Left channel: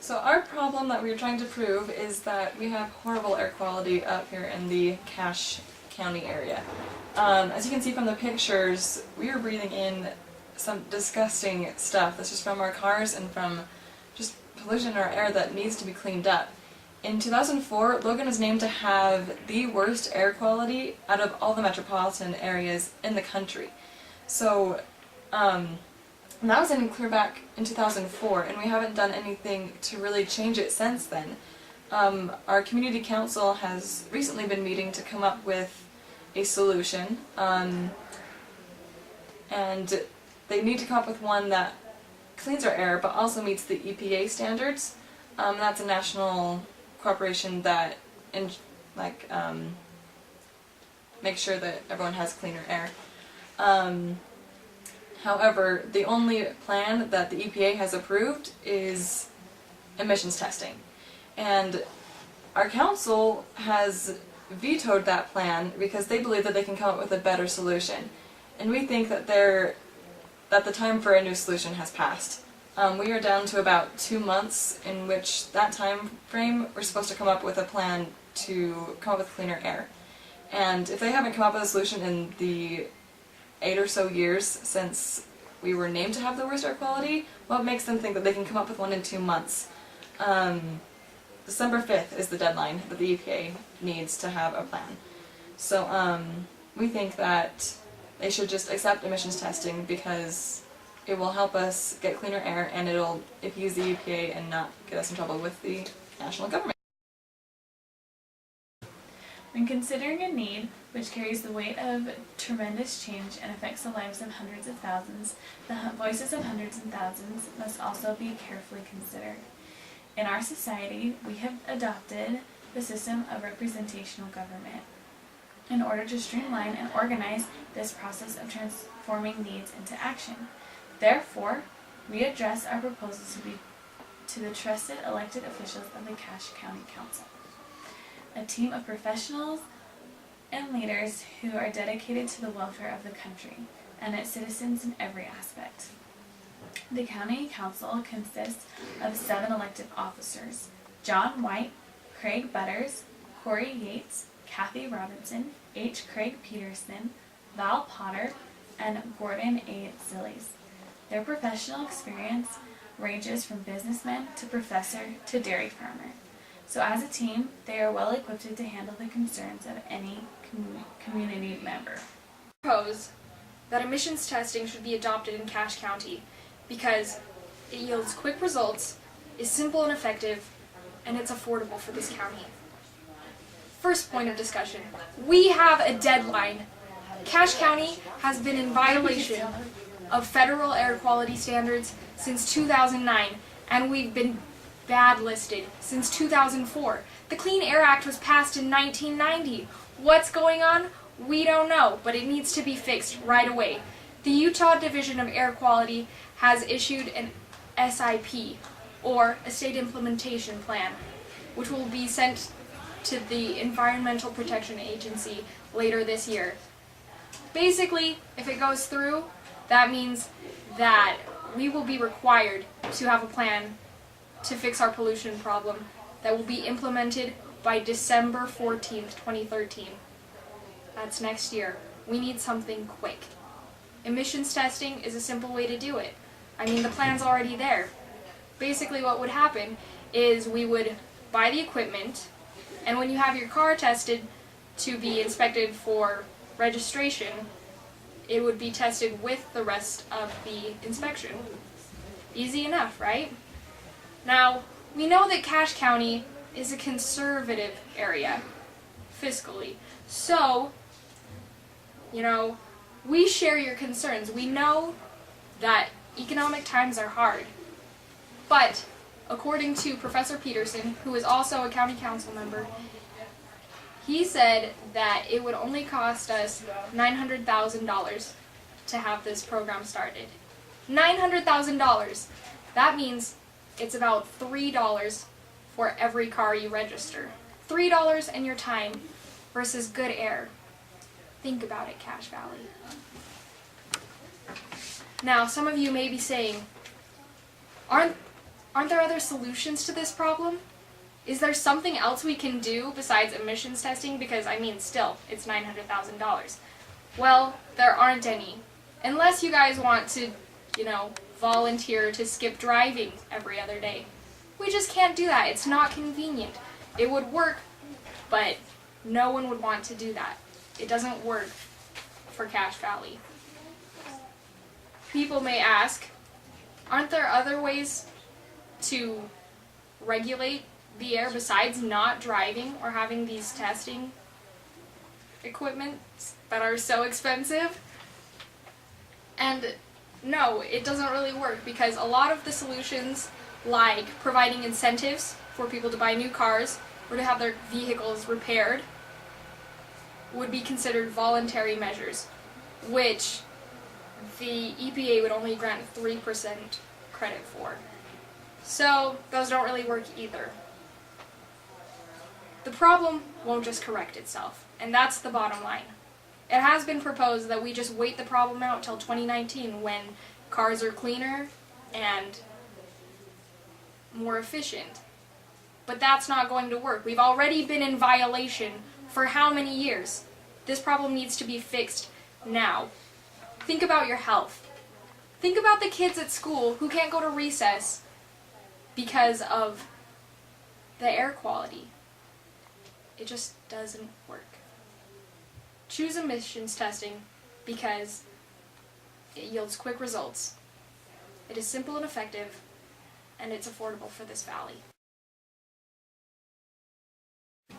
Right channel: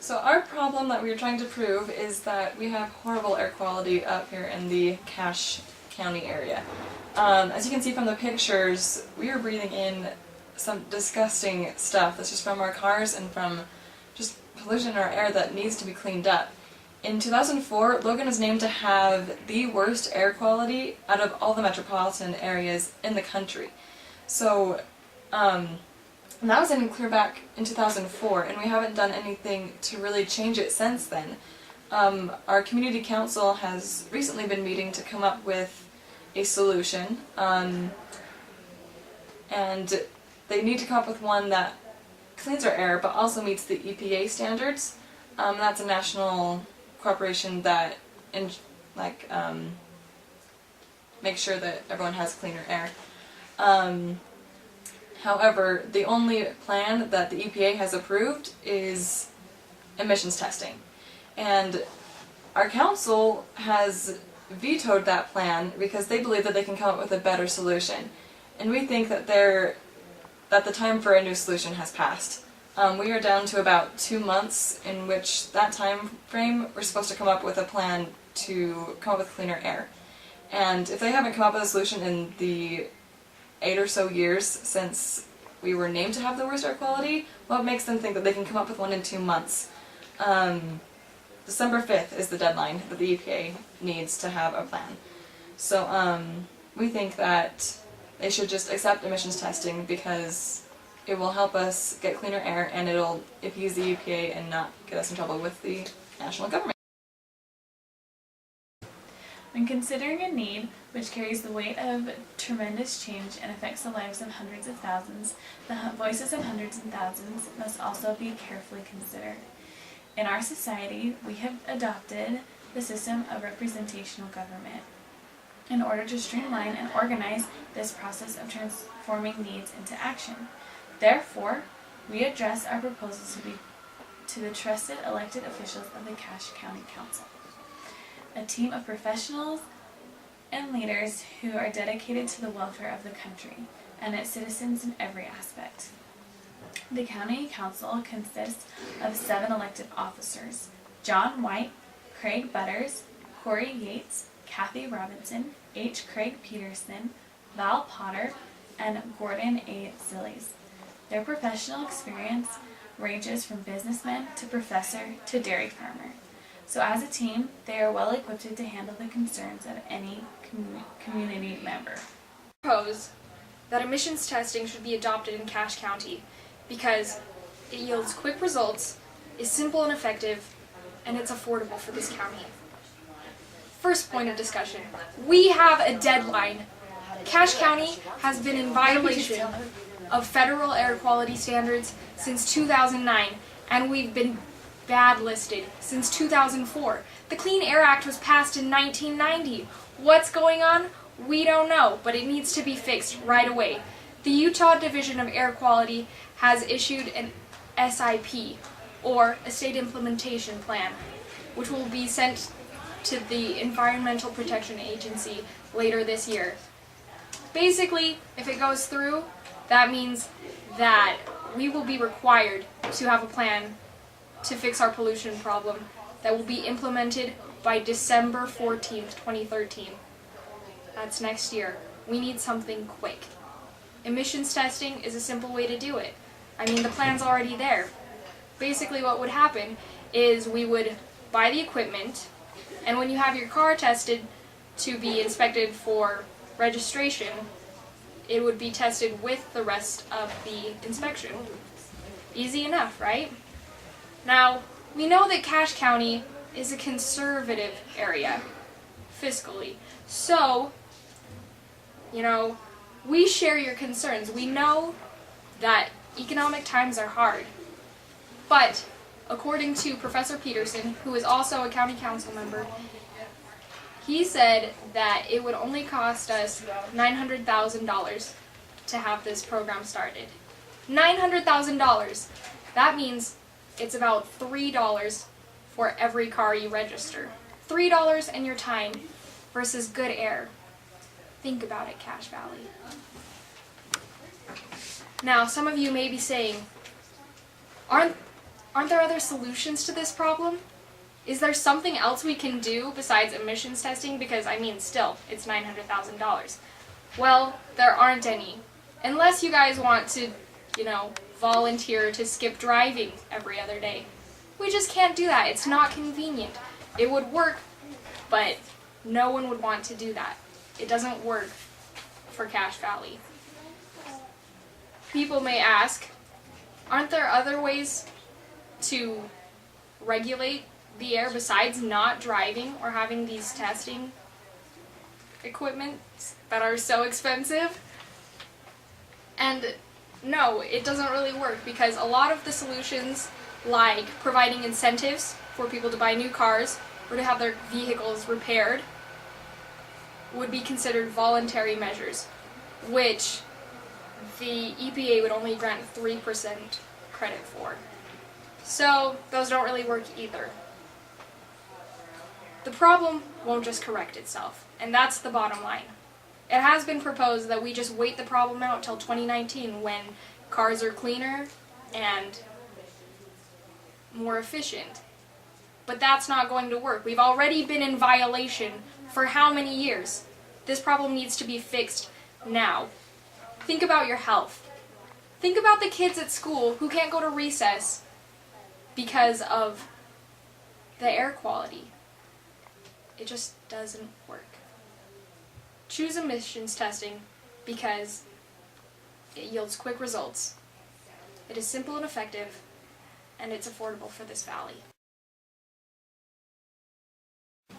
So our problem that we were trying to prove is that we have horrible air quality up here in the Cache County area. As you can see from the pictures, we are breathing in some disgusting stuff that's just from our cars and from just pollution in our air that needs to be cleaned up. In 2004, Logan was named to have the worst air quality out of all the metropolitan areas in the country. So, and that was in clear back in 2004, and we haven't done anything to really change it since then. Our community council has recently been meeting to come up with a solution, and they need to come up with one that cleans our air but also meets the EPA standards. That's a national corporation that makes sure that everyone has cleaner air. However, the only plan that the EPA has approved is emissions testing. And our council has vetoed that plan because they believe that they can come up with a better solution. And we think that the time for a new solution has passed. We are down to about 2 months in which that time frame we're supposed to come up with a plan to come up with cleaner air. And if they haven't come up with a solution in the 8 or so years since we were named to have the worst air quality, what makes them think that they can come up with one in 2 months? December 5th is the deadline that the EPA needs to have a plan. So we think that they should just accept emissions testing because it will help us get cleaner air and it'll appease the EPA and not get us in trouble with the national government. When considering a need which carries the weight of tremendous change and affects the lives of hundreds of thousands, the voices of hundreds and thousands must also be carefully considered. In our society, we have adopted the system of representational government in order to streamline and organize this process of transforming needs into action. Therefore, we address our proposals to the trusted elected officials of the Cache County Council, a team of professionals and leaders who are dedicated to the welfare of the country and its citizens in every aspect. The County Council consists of 7 elected officers: John White, Craig Butters, Corey Yates, Kathy Robinson, H. Craig Peterson, Val Potter, and Gordon A. Zillies. Their professional experience ranges from businessman to professor to dairy farmer. So as a team, they are well equipped to handle the concerns of any community member. I propose that emissions testing should be adopted in Cache County because it yields quick results, is simple and effective, and it's affordable for this county. First point of discussion, we have a deadline. Cache County has been in violation of federal air quality standards since 2009, and we've been bad listed since 2004. The Clean Air Act was passed in 1990. What's going on? We don't know, but it needs to be fixed right away. The Utah Division of Air Quality has issued an SIP, or a State Implementation Plan, which will be sent to the Environmental Protection Agency later this year. Basically, if it goes through, that means that we will be required to have a plan to fix our pollution problem that will be implemented by December 14th, 2013. That's next year. We need something quick. Emissions testing is a simple way to do it. I mean, the plan's already there. Basically what would happen is we would buy the equipment, and when you have your car tested to be inspected for registration, it would be tested with the rest of the inspection. Easy enough, right? Now, we know that Cache County is a conservative area, fiscally. So, we share your concerns. We know that economic times are hard. But, according to Professor Peterson, who is also a county council member, he said that it would only cost us $900,000 to have this program started. $900,000! That means it's about $3 for every car you register. $3 and your time versus good air. Think about it, Cache Valley. Now, some of you may be saying, aren't Aren't there other solutions to this problem? Is there something else we can do besides emissions testing? Because, I mean, still, it's $900,000. Well, there aren't any. Unless you guys want to, volunteer to skip driving every other day. We just can't do that. It's not convenient. It would work, but no one would want to do that. It doesn't work for Cache Valley. People may ask, aren't there other ways to regulate the air besides not driving or having these testing equipment that are so expensive? And no, it doesn't really work, because a lot of the solutions, like providing incentives for people to buy new cars or to have their vehicles repaired, would be considered voluntary measures, which the EPA would only grant 3% credit for. So those don't really work either. The problem won't just correct itself, and that's the bottom line. It has been proposed that we just wait the problem out till 2019, when cars are cleaner and more efficient. But that's not going to work. We've already been in violation for how many years? This problem needs to be fixed now. Think about your health. Think about the kids at school who can't go to recess because of the air quality. It just doesn't work. Choose emissions testing because it yields quick results. It is simple and effective, and it's affordable for this valley.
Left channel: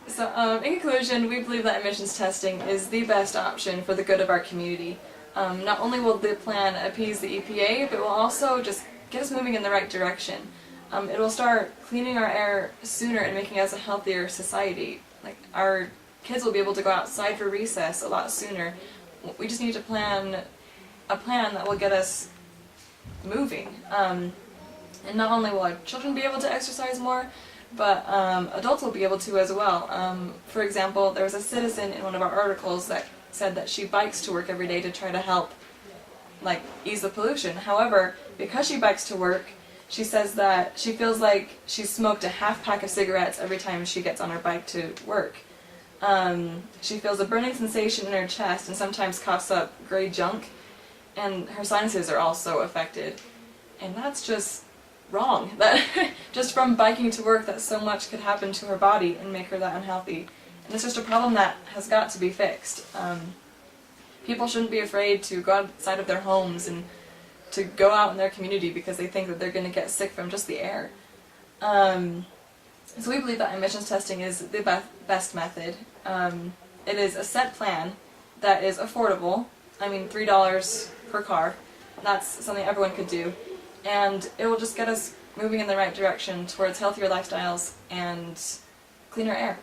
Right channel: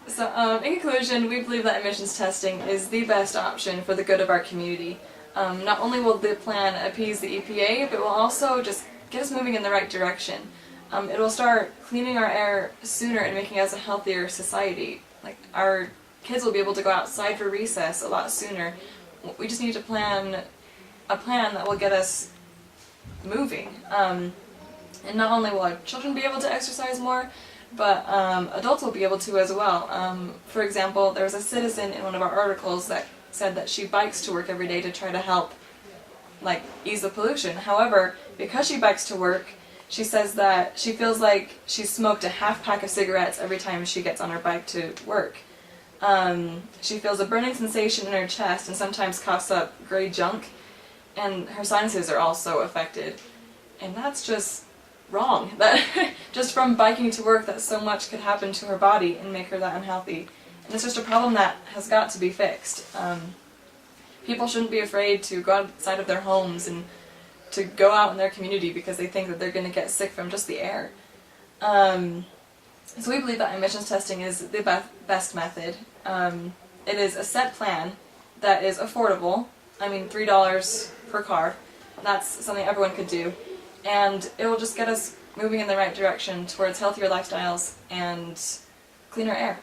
So, in conclusion, we believe that emissions testing is the best option for the good of our community. Not only will the plan appease the EPA, but will also just get us moving in the right direction. It will start cleaning our air sooner and making us a healthier society. Like, our kids will be able to go outside for recess a lot sooner. We just need to plan a plan that will get us moving. And not only will our children be able to exercise more, but adults will be able to as well. For example, there was a citizen in one of our articles that said that she bikes to work every day to try to help ease the pollution. However, because she bikes to work, she says that she feels like she smoked a half pack of cigarettes every time she gets on her bike to work. She feels a burning sensation in her chest and sometimes coughs up gray junk, and her sinuses are also affected. And that's just wrong. That just from biking to work, that so much could happen to her body and make her that unhealthy. And it's just a problem that has got to be fixed. People shouldn't be afraid to go outside of their homes and to go out in their community because they think that they're going to get sick from just the air. So we believe that emissions testing is the best method. It is a set plan that is affordable. I mean, $3 per car. That's something everyone could do. And it will just get us moving in the right direction towards healthier lifestyles and cleaner air.